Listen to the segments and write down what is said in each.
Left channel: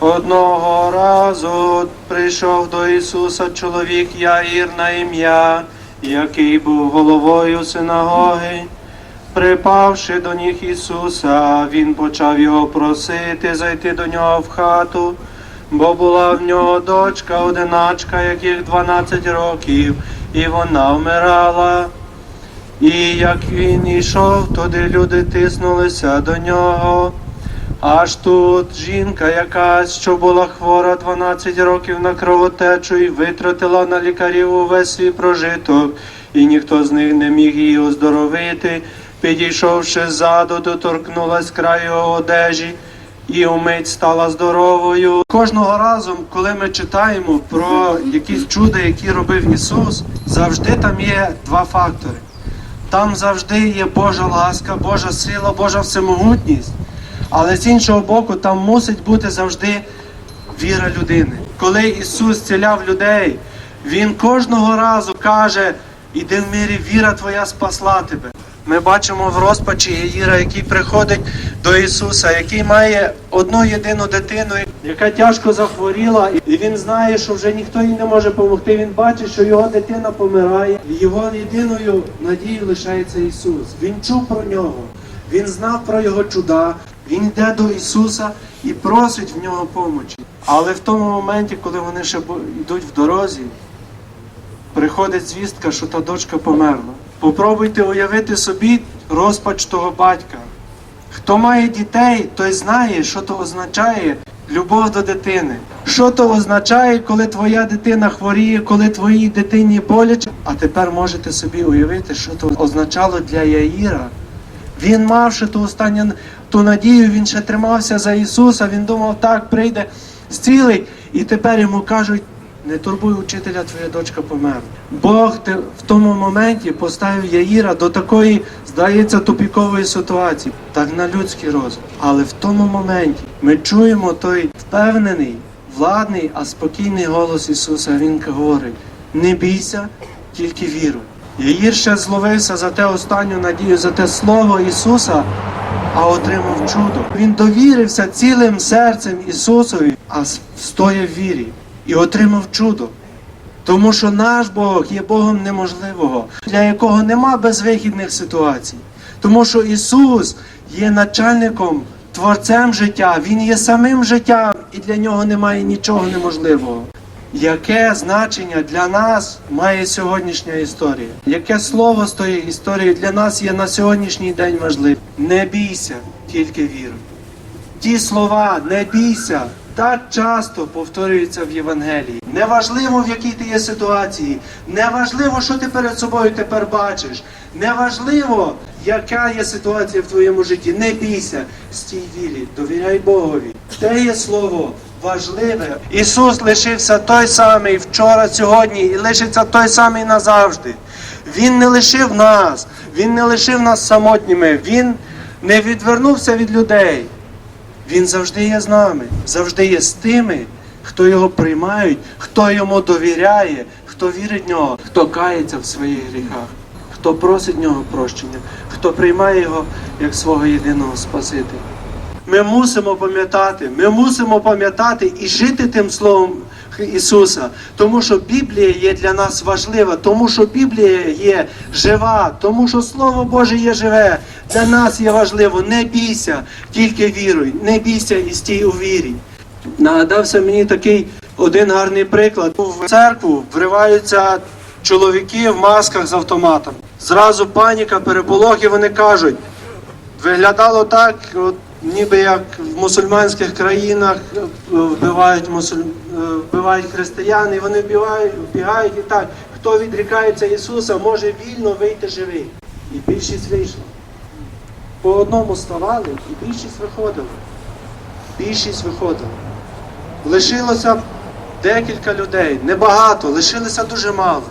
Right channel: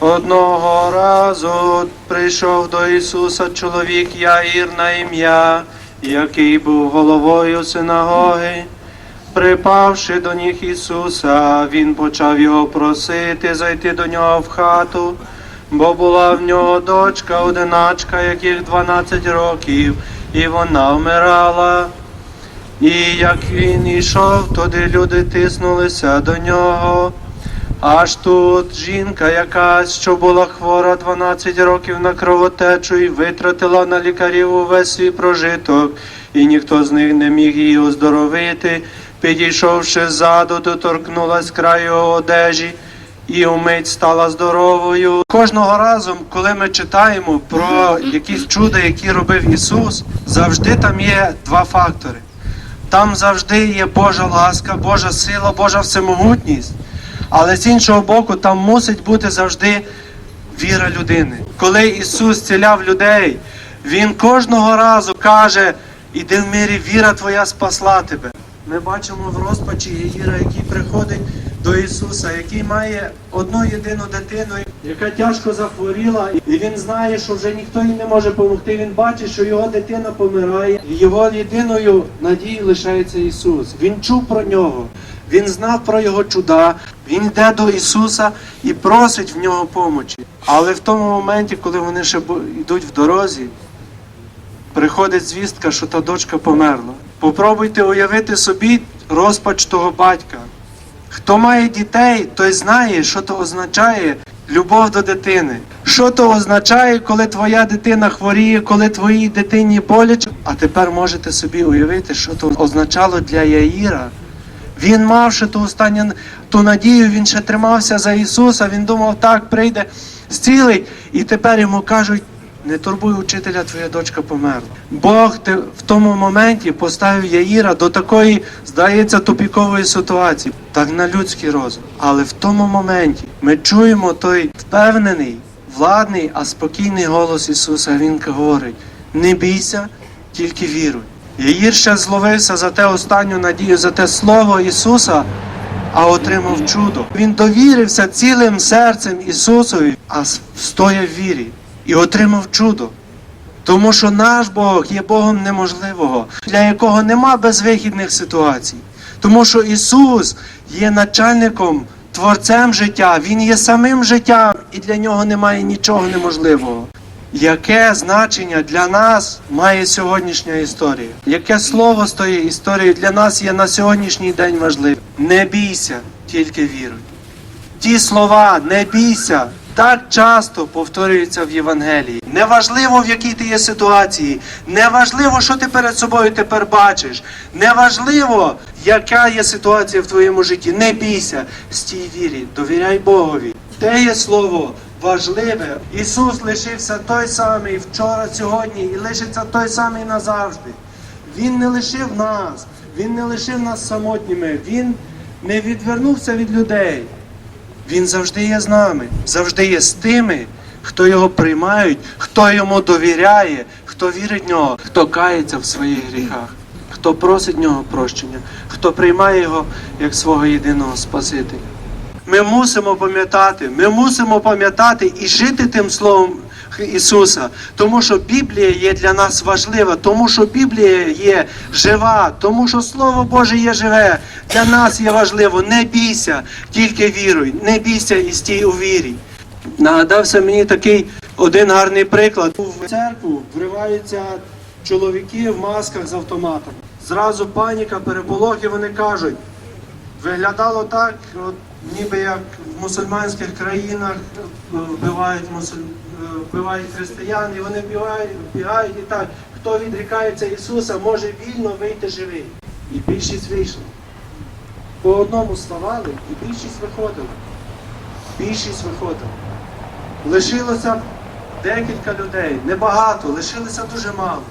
Одного разу прийшов до Ісуса чоловік Яїр на ім'я, який був головою синагоги. Припавши до ніг Ісуса, він почав його просити зайти до нього в хату, бо була в нього дочка, одиначка, яких 12 років, і вона вмирала. І як він йшов, туди люди тиснулися до нього. Аж тут жінка якась, що була хвора 12 років на кровотечу і витратила на лікарів увесь свій прожиток, і ніхто з них не міг її оздоровити. Підійшовши ззаду, доторкнулась краю одежі і умить стала здоровою. Кожного разу, коли ми читаємо про якісь чуда, які робив Ісус, завжди там є два фактори. Там завжди є Божа ласка, Божа сила, Божа всемогутність. Але з іншого боку, там мусить бути завжди віра людини. Коли Ісус зціляв людей, Він кожного разу каже: іди в мирі, віра твоя спасла тебе. Ми бачимо в розпачі Єїра, який приходить до Ісуса, який має одну єдину дитину, яка тяжко захворіла, і він знає, що вже ніхто їй не може допомогти. Він бачить, що його дитина помирає. І Його єдиною надією лишається Ісус. Він чув про нього. Він знав про його чуда. Він йде до Ісуса і просить в нього помочі. Але в тому моменті, коли вони ще йдуть в дорозі, приходить звістка, що та дочка померла. Попробуйте уявити собі розпач того батька. Хто має дітей, той знає, що то означає любов до дитини. Що то означає, коли твоя дитина хворіє, коли твоїй дитині боляче. А тепер можете собі уявити, що то означало для Яїра. Він мав ще ту останню ту надію, він ще тримався за Ісуса, він думав, так прийде, зцілить. І тепер йому кажуть, не турбуй учителя, твоя дочка померла. Бог те- в тому моменті поставив Яїра до такої, здається, тупікової ситуації, так на людський розум. Але в тому моменті ми чуємо той впевнений, владний, а спокійний голос Ісуса. Він говорить: не бійся, тільки віруй. Яїр ще зловився за те останню надію, за те слово Ісуса, а отримав чудо. Він довірився цілим серцем Ісусові, а с- стояв в вірі і отримав чудо. Тому що наш Бог є Богом неможливого, для якого нема безвихідних ситуацій. Тому що Ісус є начальником, творцем життя, Він є самим життям, і для нього немає нічого неможливого. Яке значення для нас має сьогоднішня історія? Яке слово з тої історії для нас є на сьогоднішній день важливим? Не бійся, тільки віруй. Ті слова не бійся так часто повторюються в Євангелії. Неважливо, в якій ти є ситуації, неважливо, що ти перед собою тепер бачиш, неважливо, яка є ситуація в твоєму житті. Не бійся, стій вірі, довіряй Богові. Те є слово важливе. Ісус лишився той самий вчора, сьогодні і лишиться той самий назавжди. Він не лишив нас, Він не лишив нас самотніми, Він не відвернувся від людей. Він завжди є з нами, завжди є з тими, хто його приймають, хто йому довіряє, хто вірить в нього, хто кається в своїх гріхах, хто просить нього прощення, хто приймає його як свого єдиного Спасителя. Ми мусимо пам'ятати, ми мусимо пам'ятати і жити тим словом Ісуса, тому що Біблія є для нас важлива, тому що Біблія є жива, тому що Слово Боже є живе. Для нас є важливо. Не бійся, тільки віруй, не бійся і стій у вірі. Нагадався мені такий один гарний приклад. В церкву вриваються чоловіки в масках з автоматом. Зразу паніка, переполох, і вони кажуть. Виглядало так, от, ніби як в мусульманських країнах е, вбивають, мусуль... е, вбивають християн, вони бігають, бігають і так. Хто відрікається Ісуса, може вільно вийти живий. І більшість вийшла. По одному ставали, і більшість виходила. Більшість виходила. Лишилося декілька людей, небагато, лишилося дуже мало.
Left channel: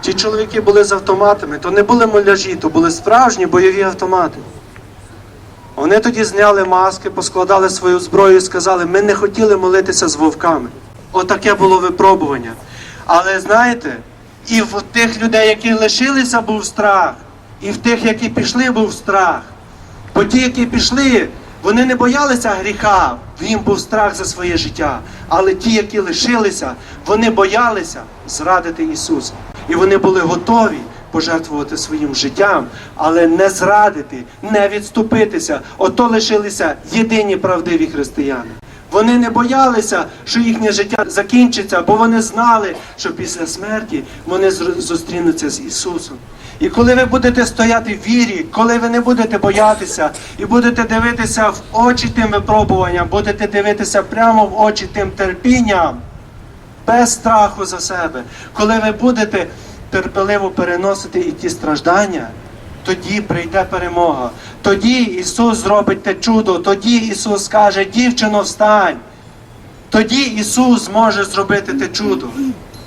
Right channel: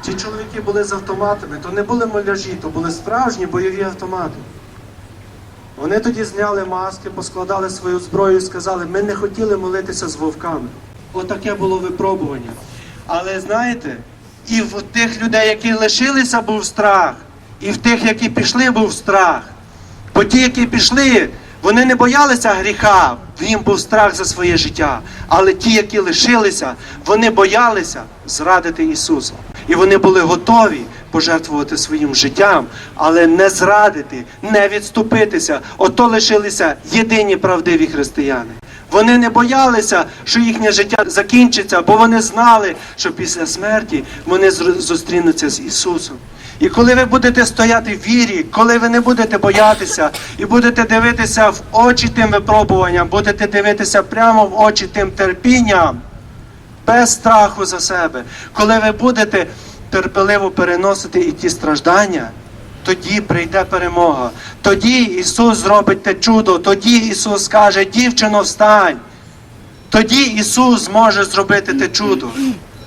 Ті чоловіки були з автоматами, то не були муляжі, то були справжні бойові автомати. Вони тоді зняли маски, поскладали свою зброю і сказали, ми не хотіли молитися з вовками. Отаке було випробування. Але знаєте, і в тих людей, які лишилися, був страх, і в тих, які пішли, був страх. Бо ті, які пішли, вони не боялися гріха, їм був страх за своє життя. Але ті, які лишилися, вони боялися зрадити Ісуса. І вони були готові пожертвувати своїм життям, але не зрадити, не відступитися. Ото лишилися єдині правдиві християни. Вони не боялися, що їхнє життя закінчиться, бо вони знали, що після смерті вони зустрінуться з Ісусом. І коли ви будете стояти в вірі, коли ви не будете боятися і будете дивитися в очі тим випробуванням, будете дивитися прямо в очі тим терпінням, без страху за себе, коли ви будете терпеливо переносити і ті страждання, тоді прийде перемога. Тоді Ісус зробить те чудо, тоді Ісус скаже, дівчино, встань. Тоді Ісус зможе зробити те чудо.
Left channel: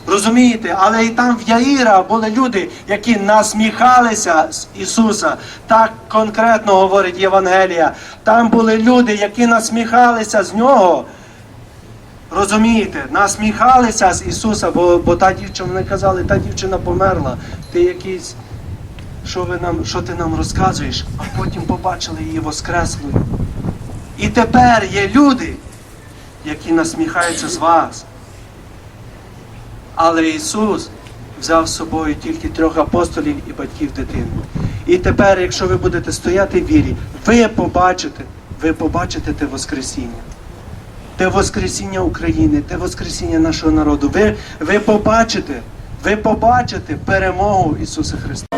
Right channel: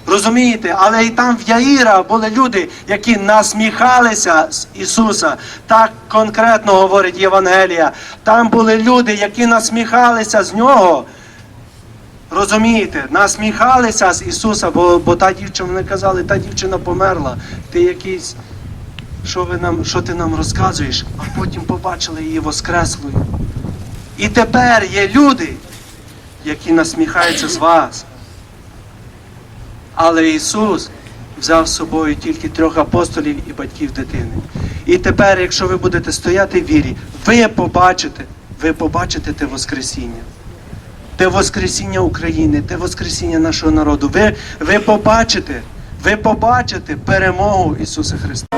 Розумієте, але і там в Яїра були люди, які насміхалися з Ісуса. Так конкретно говорить Євангелія. Там були люди, які насміхалися з нього. Розумієте, насміхалися з Ісуса, бо, бо та дівчина вони казали, та дівчина померла. Ти якийсь, що, ви нам, що ти нам розказуєш? А потім побачили її воскреслою. І тепер є люди, які насміхаються з вас. Але Ісус взяв з собою тільки трьох апостолів і батьків дитини. І тепер, якщо ви будете стояти в вірі, ви побачите, ви побачите те Воскресіння. Те Воскресіння України, те Воскресіння нашого народу. Ви, ви побачите, ви побачите перемогу Ісуса Христа.